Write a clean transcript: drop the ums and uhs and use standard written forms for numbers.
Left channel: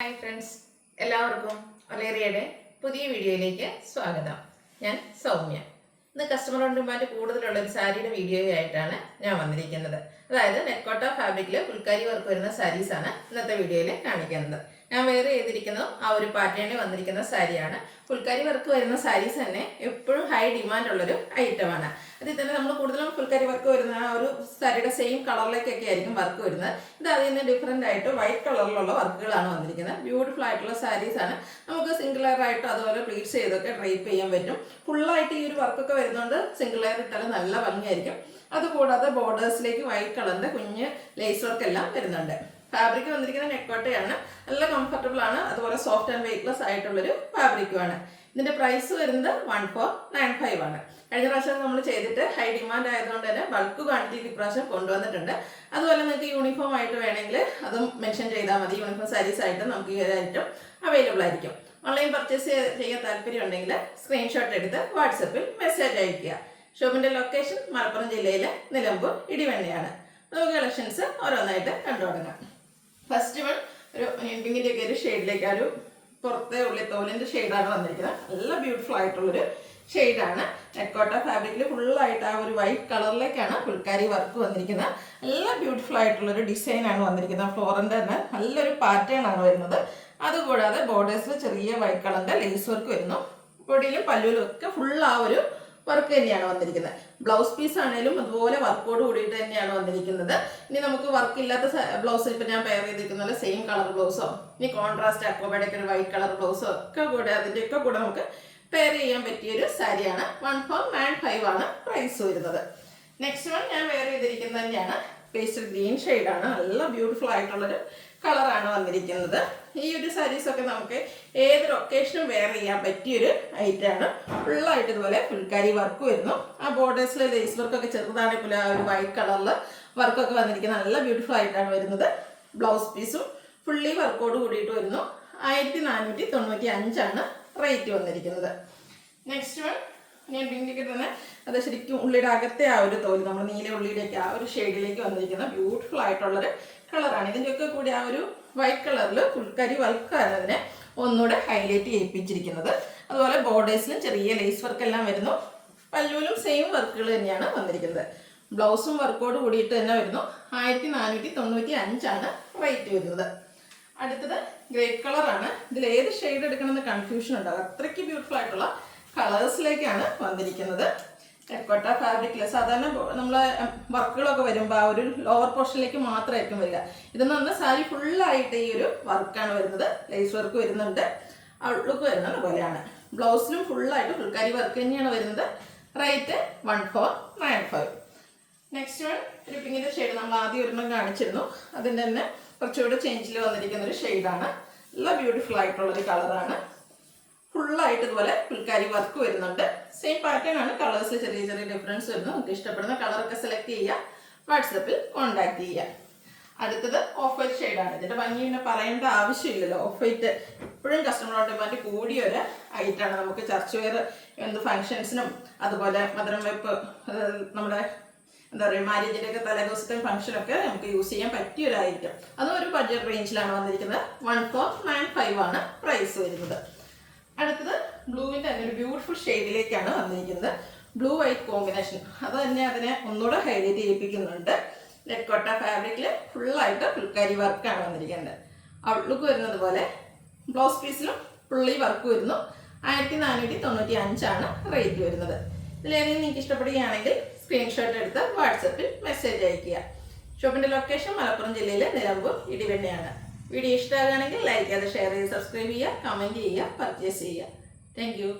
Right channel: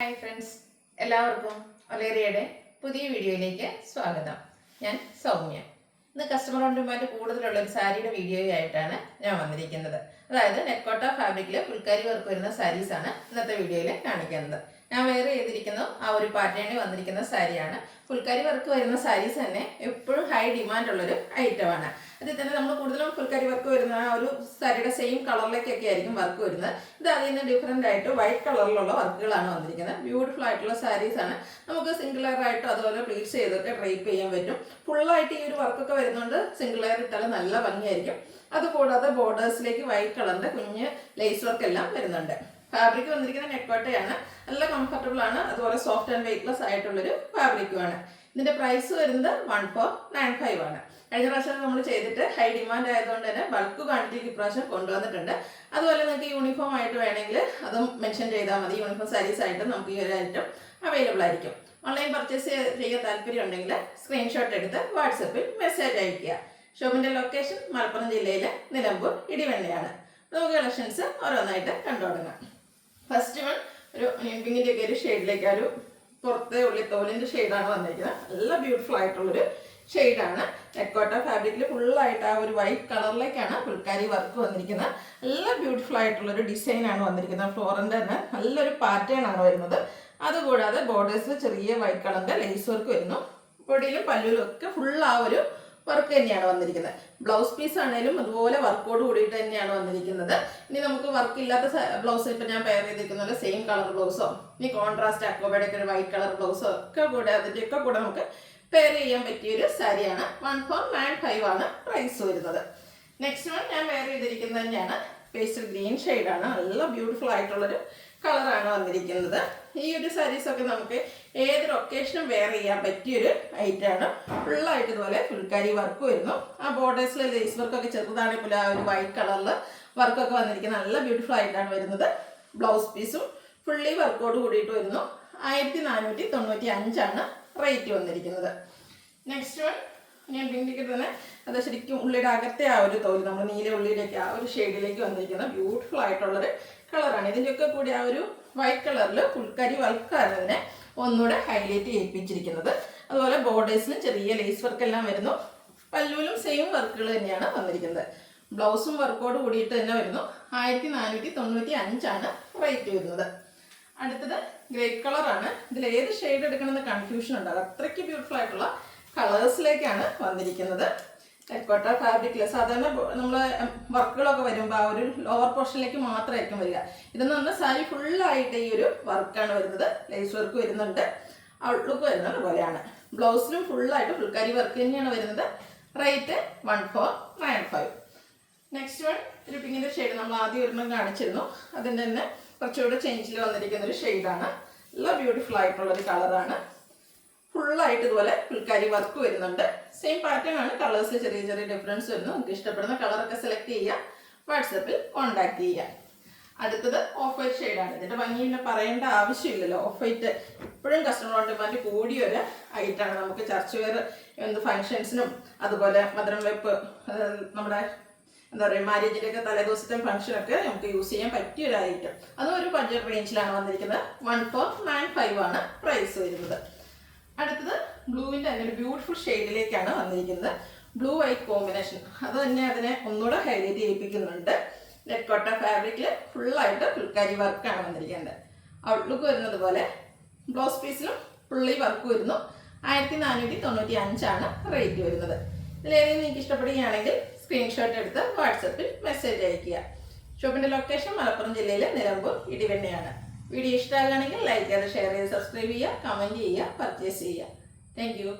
Hi friends, എല്ലാവർക്കും ഒലേറിയയുടെ പുതിയ വീഡിയോയിലേക്ക് സ്വാഗതം. ഞാൻ സൗമ്യ. ഇന്ന് കസ്റ്റമർ ഓൺ ഡിമാൻഡ് കൂടുതലുള്ള ഒരു സാരിയുടെ വീഡിയോ ആയിട്ടാണ് ഞാൻ വന്നിരിക്കുന്നത്. അതായത് നെക്കോട്ട ഫാബ്രിക്കിൽ ഫുൾക്കാരി വർക്ക് വരുന്ന സാരീസാണ് ഇന്നത്തെ വീഡിയോയിൽ കാണിക്കുന്നത്. ഞാൻ വേറെ ചെയ്തിരിക്കുന്നത് ആ ഒരു പാറ്റേണിൽ വന്നിരിക്കുന്ന സാരിയാണ്. ഫുൾക്കാരി വർക്ക് വരുന്ന സാരീസ് തന്നെ എപ്പോഴും ഹൈ ഡിമാൻഡ് ഉള്ളൊരു ഐറ്റമാണ്. അതിൽ തന്നെ നമ്മൾ കൂടുതലും ഫുൾക്കാരി വർക്ക് വരുന്ന ആ ഒരു സാരിയുടെ സെയിം കളറിലേക്കൊക്കെ ആയിരിക്കും വർക്ക് വരുന്നത്. ഇത് അതിൽ നിന്ന് ഡിഫറെൻ്റ് ആയിട്ട് വൈറ്റ് കളറിലുള്ള വർക്കുകളാണ് വന്നിരിക്കുന്നത്. ബ്യൂട്ടിഫുൾ ആയിട്ടുള്ള സാരീസാണ്. നമുക്ക് സിംഗിൾ ലെയർ ആയിട്ടോ അതുപോലെ പ്ലീറ്റ്സ് ചെയ്തൊക്കെ ഡ്രൈപ്പ് ചെയ്യാൻ പറ്റും. ഫുള്ളായിട്ട് ഈ ഒരു വർക്കൊക്കെ വരുന്നതുകൊണ്ട് സിംഗിൾ ലെയർ ഇട്ടാലും നല്ല ഭംഗിയായിരിക്കും. അതുകൂടാതെ ബോർഡേഴ്സിലേക്ക് വൈറ്റ് കളറിൻ്റെ കുഞ്ഞ് ലേസ് വർക്ക് എല്ലാം വരുന്നുണ്ട്. ഫാബ്രിക് വന്നിരിക്കുന്ന നെക്കോട്ടയാണ്. നല്ല കംഫർട്ടബിൾ ആണ്. അതുപോലെ സോഫ്റ്റ് ആൻഡ് വെയ്റ്റ്ലെസ് ആയിട്ടുള്ളൊരു ഫാബ്രിക്കുമാണ്. ഇതിന്റെ പ്രൈസ് വരുന്നത് 1495 ആണ്. കഴിഞ്ഞ പ്രാവശ്യം നമ്മൾ ചെയ്തിട്ട് ഹൈ ഡിമാൻഡ് ആയതുകൊണ്ട് തന്നെ ബൾക്ക് ക്വാണ്ടിറ്റിക്ക് ഇപ്രാവശ്യം കൊണ്ടുവന്നിട്ടുണ്ട്. അതുപോലെ നിങ്ങൾക്ക് യൂണിഫോം ആയിട്ട് വേണമെങ്കിൽ അതും മെൻഷൻ ചെയ്താൽ മതി. യൂണിഫോം സാരീസ് ആയിട്ട് നമുക്ക് ഈ ഒരു ഐറ്റം അവൈലബിൾ ആയിരിക്കും. ഓൺലൈൻ പർച്ചേസ് ചെയ്യാൻ താല്പര്യം ഉണ്ടെങ്കിൽ സ്ക്രീൻഷോട്ട് എടുത്ത് വാട്സപ്പിൽ മെസ്സേജ് അയയ്ക്കുക. ഷോപ്പിന്റെ ലൊക്കേഷൻ മലപ്പുറം ജില്ലയിലെ നിലമ്പൂർ ഇടിവെണ്ണയാണ്. നമുക്ക് കളക്ഷൻസ് ഓരോന്നായിട്ട് കണ്ടു തുടങ്ങാം. ഫസ്റ്റ് വൺ ഒരു പിങ്കിൻ്റെ ഒക്കെ ഒരു ഷെയ്ഡിലേക്ക് ഒരു പുറത്തെ ഉള്ളിത്തോലിൻ്റെ ഷെയ്ഡാണ് വന്നിരിക്കുന്നത്. നല്ല ബ്യൂട്ടിഫുൾ ആയിട്ടുള്ളൊരു ഷെയ്ഡാണ്. നെക്കോട്ട ഫാബ്രിക്കിൽ ഫുള്ളായിട്ട് ആ ഒരു വൈറ്റ് കളറിലേക്കാണ് ഫുൾക്കാരി വർക്ക് വന്നിരിക്കുന്നത്. നല്ല ബ്യൂട്ടിഫുൾ ആയിട്ടുള്ളൊരു ഡിസൈനാണ് വന്നിരിക്കുന്നത്. ഫ്ലോറിൻ്റെ തന്നെ നല്ലൊരു പാറ്റേൺ ആണ് വരുന്നത്. അതുകൂടാതെ ബോർഡേഴ്സിൽ ചെറിയ വൈറ്റ് കളറിൻ്റെ ലേസ് വർക്ക് വരുന്നു. ബോഡിയിലും പല്ലുവിലും ഒക്കെ ഫുൾ ആ ഒരു വർക്ക് തന്നെയാണ് വന്നിരിക്കുന്നത്. ബ്ലൗസ് പീസ് ആണെങ്കിലും അതുപോലെ വർക്കോട് കൂടിയിട്ട് തന്നെയാണ് വന്നിരിക്കുന്നത്. ഇനി നമുക്ക് വർക്ക് ഇല്ലാത്ത ബ്ലൗസ് ഇപ്പം ഞാൻ പെയർ ചെയ്തിരിക്കുന്ന സെയിം കളർ ബ്ലൗസോ ഇനി കോൺട്രാസ്റ്റ് അക്വബയുടെ ഒരു വൈറ്റ് കളർ ബ്ലൗസോ ഒക്കെ കൂടെ അതിൻ്റെയൊക്കെ കൂടെ നമുക്ക് പെയർ ചെയ്യാൻ പറ്റിയൊരു സാരിയാണ്. 1495 ആണ് പ്രൈസ് വരുന്നത്. നെക്സ്റ്റ് വൺ ഞാൻ വെയർ ചെയ്തിരിക്കുന്നത് തന്നെയാണ്. പേസ്റ്റൽ ഗ്രീൻ ഷെയ്ഡാണ്. നല്ല ബ്യൂട്ടിഫുൾ ആയിട്ടുള്ളൊരു കളറാണ് വന്നിരിക്കുന്നത്. ഈ ഒരു സാരീസൊക്കെ നമുക്ക് ഏതൊരു ഒക്കേഷനും വെയർ ചെയ്യാൻ പറ്റിയൊരു ഐറ്റമാണ്. ഫുള്ളായിട്ട് ഇതുപോലെ ഫുൾക്കാരി വർക്ക് വരുന്നു. ആ ബോർഡേഴ്സിലെ ലേസ് വർക്കൊക്കെ ചെറുതാണെങ്കിൽ ആ ഒരു വൈറ്റ് കളറിൽ വർക്കൊക്കെ വന്നിരിക്കുന്നത് നല്ല ബ്യൂട്ടിഫുൾ ആയിട്ടാണ് വരുന്നത്. ബ്ലൗസ് പീസും ഫുള്ളി വർക്കോട് കൂടിയിട്ട് വരുന്നു. 1495 ആണ് റേറ്റ് വന്നിരിക്കുന്നത്. നെക്സ്റ്റ് വൺ ഞാൻ പിങ്കിക്ക് തന്നെ അത് ശരിക്കും ഉള്ളിയുടെ അകത്തെ ആ ഒരു തോല് നമ്മൾ നീല ഉള്ളിയിലേക്ക് ആ ഒരു ഷെയ്ഡിലേക്ക് വന്നിരിക്കുന്ന ബ്യൂട്ടിഫുൾ ആയിട്ടുള്ളൊരു കളറാണ്. ഇതിൻ്റെയൊക്കെ കൂടി ആ ഒരു വൈറ്റ് കളറിൽ ഫുൾക്കാരി വർക്കാണ് അതിനെ ഒന്നുകൂടെ ഹൈലൈറ്റ് ചെയ്യിപ്പിച്ചിരിക്കുന്നത്. അതുപോലെ ബോർഡേഴ്സിലും ചെറിയ ലേസ് വർക്ക് എല്ലാം വരുന്നു. പല്ലുവിലും സെയിം വർക്കുകൾ തന്നെയാണ് വന്നിരിക്കുന്നത്. ബ്ലൗസും വർക്കോട് കൂടിയിട്ട് തന്നെ വരുന്നു. 1495 ആണ് റേറ്റ് വരുന്നത്. അടുത്തത് ഗ്രേപ്പ് കളറാണ്. ഇതിൽ ഏത് ഷെയ്ഡ് എടുക്കണമെന്ന് കൺഫ്യൂഷൻ ഉണ്ടാകും. അത്രയ്ക്ക് ബ്യൂട്ടിഫുൾ ആയിട്ടുള്ള കളേഴ്സിലേക്കാണ് വന്നിരിക്കുന്നത്. നെക്കോട്ട ഫാബ്രിക്കിൽ സാധാരണ നമ്മൾ വർക്കുകളൊക്കെ വരുമ്പോൾ ആ ഒരു ലോവർ പോർഷനിലേക്ക് മാത്രമായിരിക്കും വരിക. ഇതെന്ന് പറഞ്ഞാൽ സാരി ഫുള്ളായിട്ട് ഈ ഒരു വർക്കാണ് വരുന്നത്. ലേസ് വർക്ക് വരുന്നുണ്ട്. ഔട്ട്ലുക്ക് വരുന്നത് പോലെയാണ്. ബ്ലൗസിലും ഫുള്ളായിട്ട് ഫുൾക്കാരി വർക്ക് തന്നെയാണ് വരുന്നത്. റേറ്റ് 1495. നെക്സ്റ്റ് വൺ ഒരു പിങ്കിൻ്റെ ഷെയ്ഡ് നമ്മൾ ആദ്യം ഒരെണ്ണം കാണിച്ചിരുന്നു. അതിൻ്റെ തന്നെ കുറച്ചുകൂടെ ചേഞ്ചിൽ വന്നിരിക്കുന്ന ഒരു ഷെയ്ഡാണ്. നല്ല ബ്യൂട്ടിഫുൾ ആയിട്ടുള്ളൊരു കളറാണ്. ഫുള്ളായിട്ട് ഇതുപോലെ ഫുൾക്കാരി വർക്ക് വരുന്നുണ്ട്. സെയിം പാറ്റേൺ ആണ്. കളേഴ്സിൽ ചെറിയ ചെറിയ ഡിഫറൻസ് വരുന്നു. നമുക്ക് ഇഷ്ടപ്പെടുന്ന കളറൊക്കെ സെലക്ട് ചെയ്യുക. വാട്സപ്പിൽ കോൺടാക്ട് ചെയ്യുക. അടുത്തത് ഓഫ് വൈറ്റ് ഷെയ്ഡാണ്. ഇതിൻ്റെ ഭംഗി പിന്നെ പറയേണ്ട ആവശ്യമില്ലല്ലോ. ഓഫ് വൈറ്റ് എപ്പോഴും കസ്റ്റമർ ഓൺ ഡിമാൻഡ് കൂടിയൊരു ഐറ്റാണ്. നമുക്ക് ചർച്ച് വെയർ എന്ത് ഫങ്ഷൻസിനും അതുപോലെ മധുരം വെപ്പ് നമ്മുടെ എന്താ പറയുക മാരേജിൻ്റെയൊക്കെ തലേദിവസത്തെ ഫംഗ്ഷനൊക്കെ നമുക്ക് യൂസ് ചെയ്യാൻ പറ്റിയൊരു ഐറ്റം. അതും ഒരു ബഡ്ജറ്റ് റേഞ്ചിലാണ് വന്നിരിക്കുന്നത്. 1495 ആണ് പ്രൈസ് വരുന്നത്. അടുത്തത് ബ്ലൂവിൻ്റെ തന്നെ ഒരു ബ്യൂട്ടിഫുൾ ഷെയ്ഡിലേക്കാണ് വന്നിരിക്കുന്നത്. ബ്ലൂ വൈറ്റ് കോമ്പിനേഷൻ അത് തന്നെ അതിനെ ഒന്നുകൂടെ ഹൈലൈറ്റ് ചെയ്യിപ്പിക്കുന്നുണ്ട്. നെക്കോട്ട ഫാബ്രിക്കിൽ ഫുള്ളായിട്ട് ഫുൾക്കാരി വർക്കാണ് വന്നിരിക്കുന്നത്. ഔട്ട്ലുക്ക് വരുന്നത് പോലെ ബ്ലൗസ് പീസിലും ഫുള്ളി വർക്ക് വരുന്നു. 1495 ആണ് റേറ്റ് വരുന്നത്. ഇതിലേതെങ്കിലും നിങ്ങൾക്ക് ഇഷ്ടപ്പെടുകയാണെങ്കിൽ സ്ക്രീൻഷോട്ട് എടുത്ത് വാട്സപ്പിൽ മെസ്സേജ് അയയ്ക്കുക. ഷോപ്പിൻ്റെ ലൊക്കേഷൻ മലപ്പുറം ജില്ലയിലെ നിലമ്പൂർ ഇടിവെണ്ണയാണ്. വീഡിയോ ഇഷ്ടമാകുകയാണെങ്കിൽ ലൈക്ക് ചെയ്ത് ഷെയർ ചെയ്ത് സബ്സ്ക്രൈബ് ചെയ്യുക, കമൻറ്റ് ചെയ്യുക, പർച്ചേസ് ചെയ്യുക. Thank you.